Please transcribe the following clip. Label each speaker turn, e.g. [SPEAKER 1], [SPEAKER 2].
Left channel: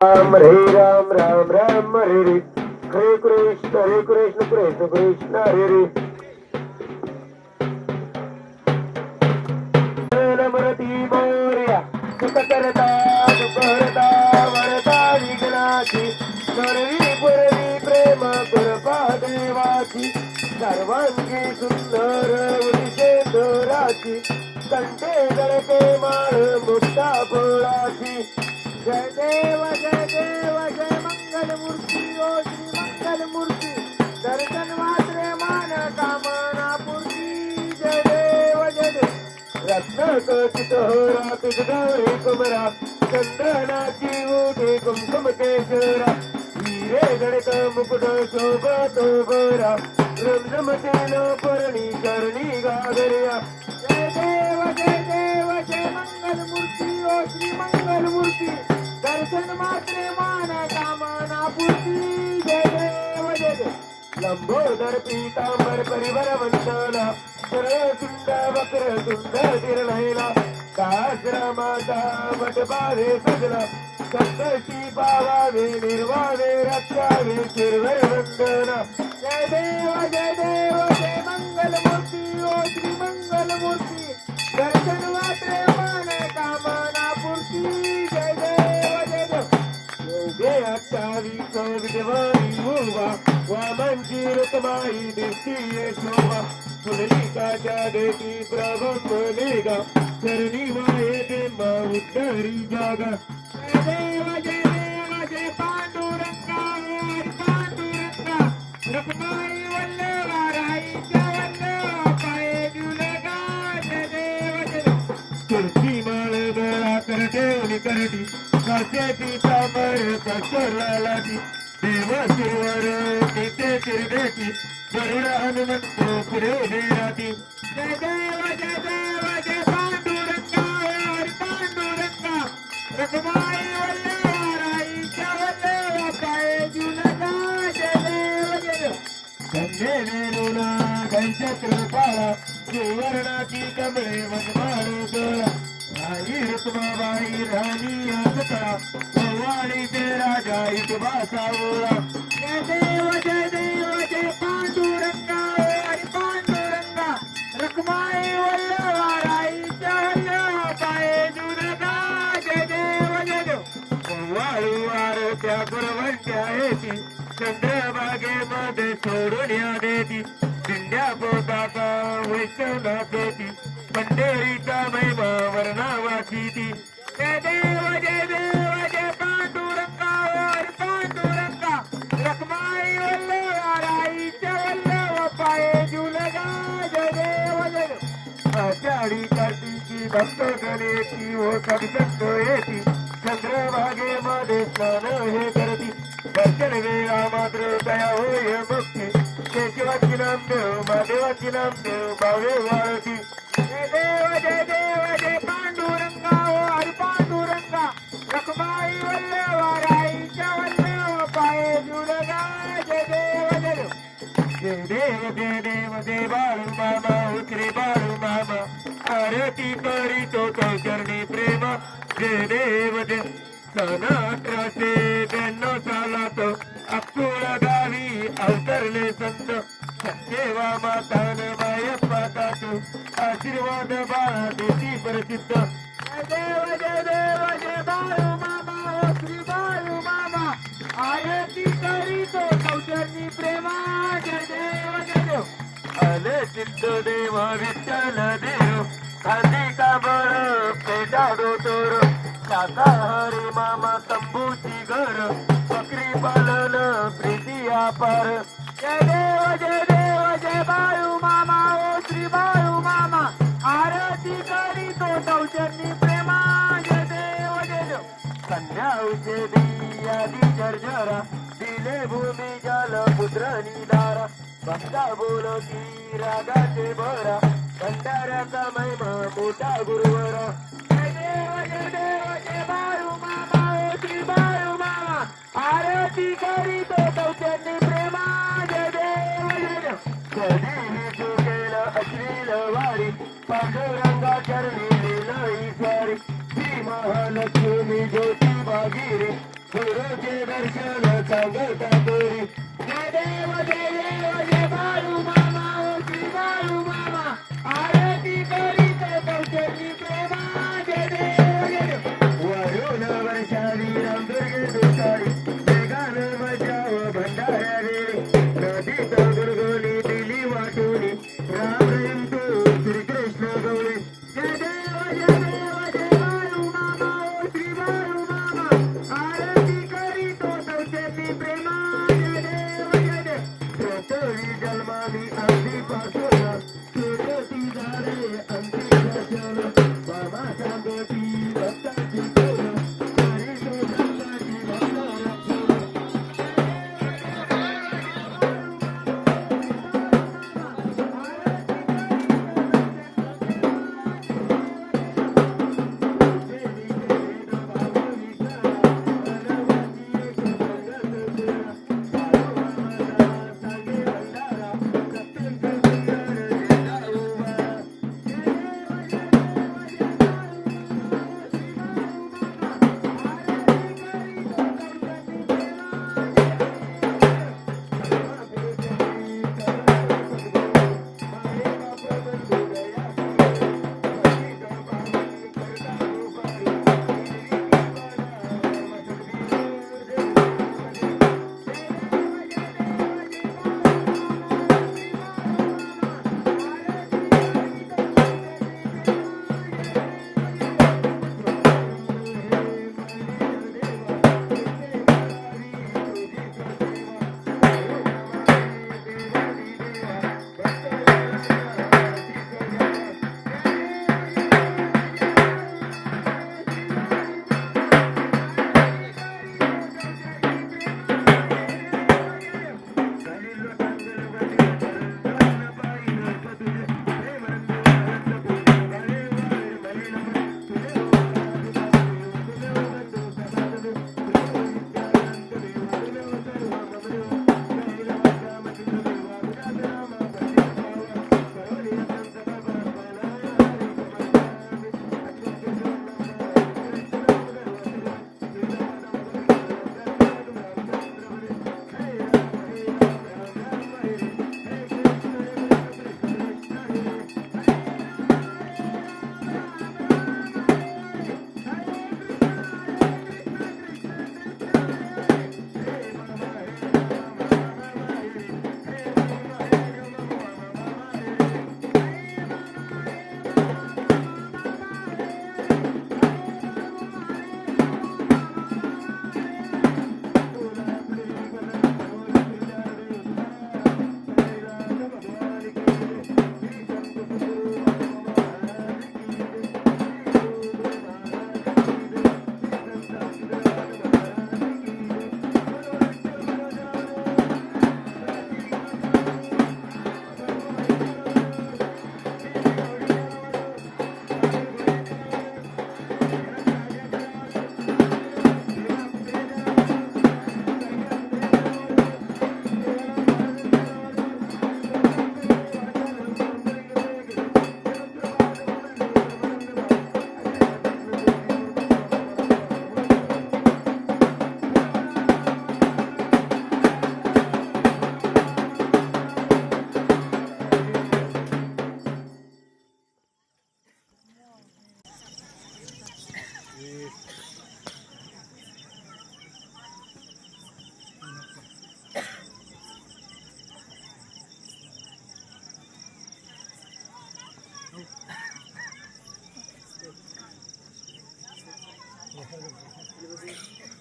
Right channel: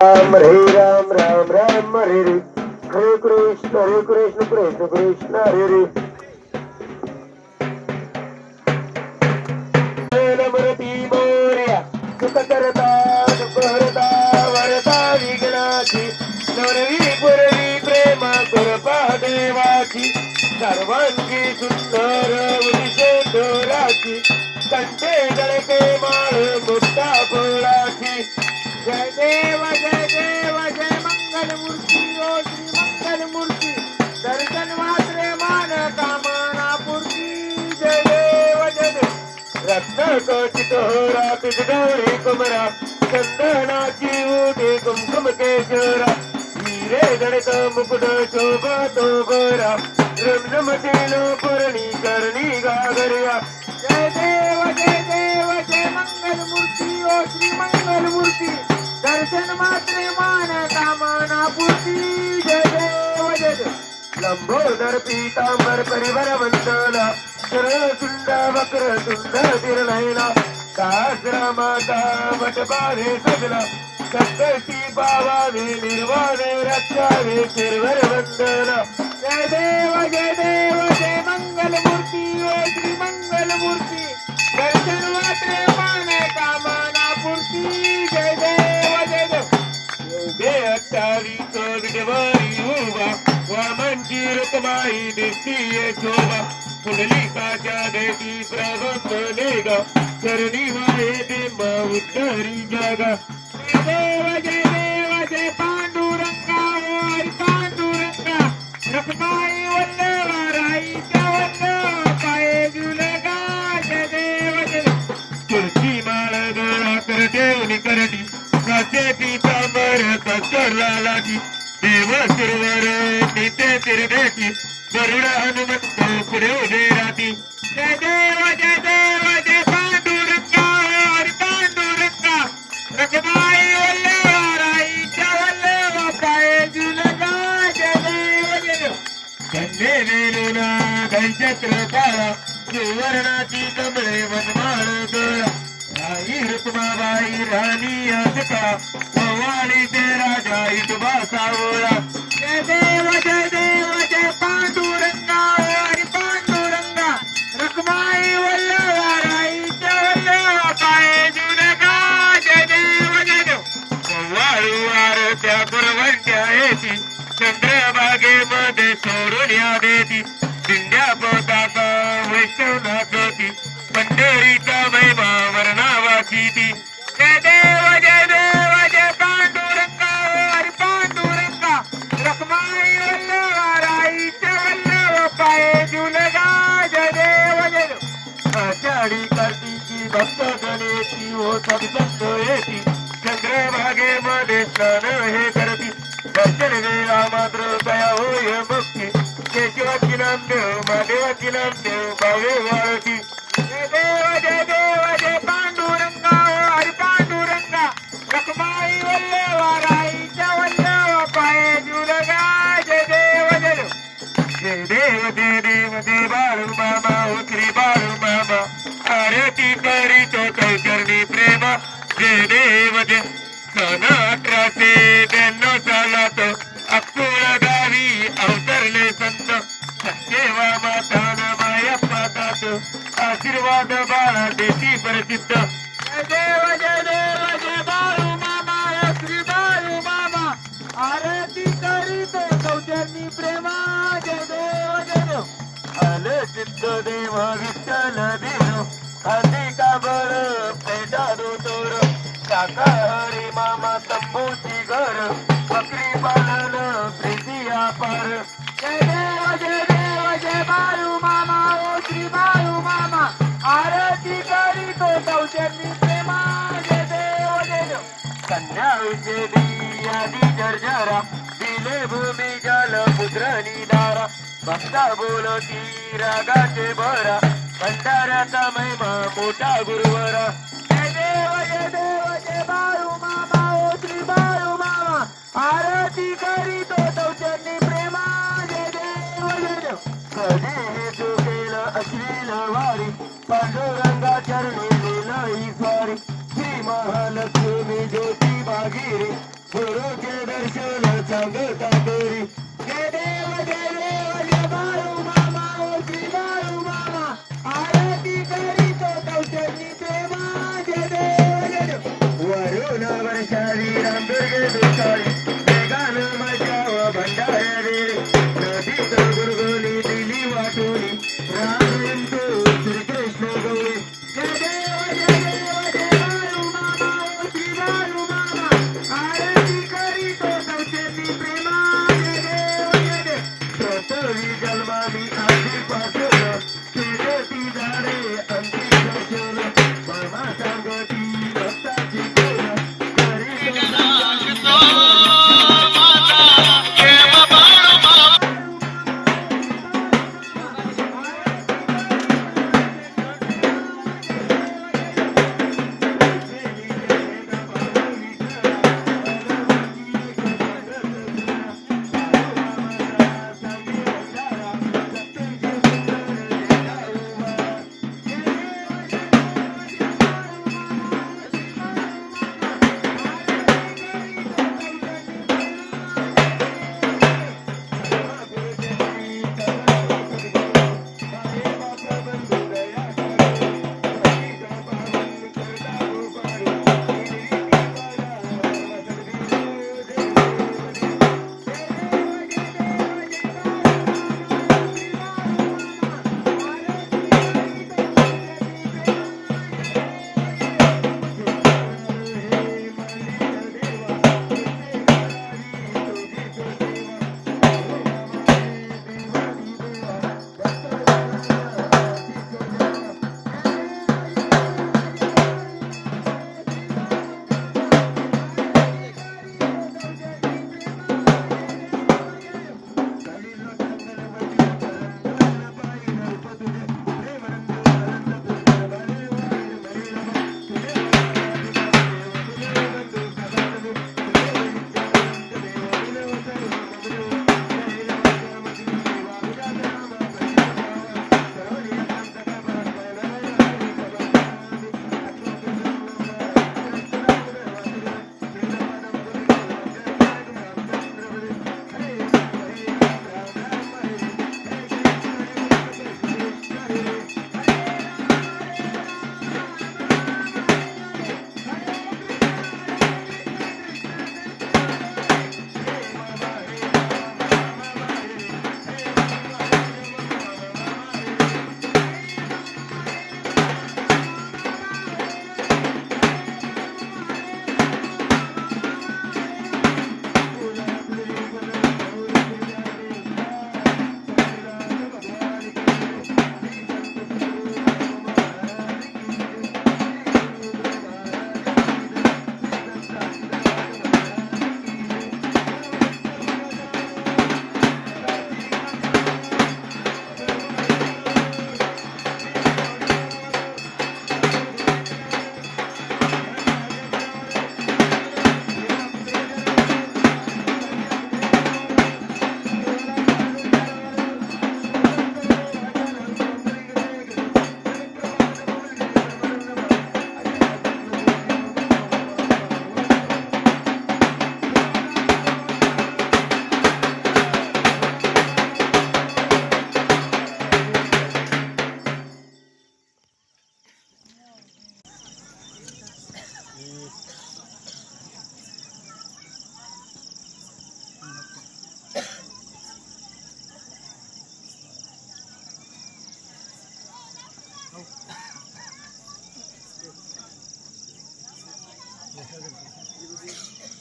[SPEAKER 1] राम हरे राम राम राम हरे हरे हरे कृष्ण हरे कृष्ण कृष्ण कृष्ण हरे हरे मरती मोर्या सुख करता दुःख हरता वरता विघ्नाची नरवी पुरवी प्रेम कृपा देवाची सर्वांगी सुंदर उदिशे दोराची कंठे गळके माळ मुक्ता फुलाची जय देव जय देव, जय मंगल मूर्ती ओ श्री मंगल मूर्ती दर्शन मात्रे मान कामना पूर्ती जय देव जय देव रत्नकचित होरा तुझ गौरी कुमरा चंद्रनाची उठी कुमकुम केशरा हिरे गणित मुकुट शोभा तो गोरा रम तेलो परणी करणी गागरिया। जय देव जय देव, जय मंगल मूर्ती ओ श्री मंगल मूर्ती दर्शन मात्रे मान कामना पूर्ती जय देव जय. लंबोदर पीतांबर परिवर वंदना सरळ सुंद वक्र सुंद तिरनयना सहस्र माता वटबारे सजला सप्तशी पावावे निर्वाणे रक्षावे शिरवर वंदना जय देव जय देव जय मंगल मूर्ती ओ श्री मंगल मूर्ती दर्शन मात्रे मान कामना पूर्ती जय दे अट्टावीस विधवारी उभा वामनची रकमाई दिसती शोभा. पुंडलिकाच्या देती प्रगंबले ग चरणी वाहे बिंब उत्तरी जागा. तिरडेटी गरुड हनुमंत पुढे उभे राहती जय देव जय देव जय पांडुरंगा जुलगा जय देव जय देव धन्य धनचक्र पाळा. सुवर्णाची कमळे वनमाळ गळा. राई रुक्माबाई राणी असता ते राजा इतबा सावळा वाळू आरत्या येती सोडून या देती. दिंड्या पोटाचा वैष्णव नाचती पंढरीचा महिमा वर्णावाची ती. चंद्रभागेमध्ये स्नान हे करती दर्शन वेळा मात्र दया होय मुक्ती केशवाची नाम देव महादेवाची नाम देव भावे वाळती देव पांडुरंगा हरी जय देव जय जय देव जय देव हो आरती करीतो तो चरणी प्रेम जय देव जय अठराशे ब्याण्णव सालात गावी अवतरले संत. सत्यवा मातान मायप्पा तात आशीर्वाद बाळा देती प्रसिद्ध. जय देव जय देव जय बाळू मामा श्री बाळू मामा. आरती करीतो चौचरणी प्रेमा. जय देव जय देव. आले सिद्ध देव विठ्ठल देव. हल्ली का बळ पेटा तोर शाकाहारी मामा तंबूची घर बकरी पालन प्रीती अपार जय देव जय देव जय बाळू मामा ओ श्री बाळू मामा. आरती करी तो सौजन्य प्रेमा. जय देव जय देव. कन्या उचेली आदी जर्जरा दिले भूमी जल पुत्र निदारा भक्ता बोलती रागाचे भरा. भंडाऱ्याचा महिमा मोठा गुरुवरा. आरती Gulmami, I'll be Thank you.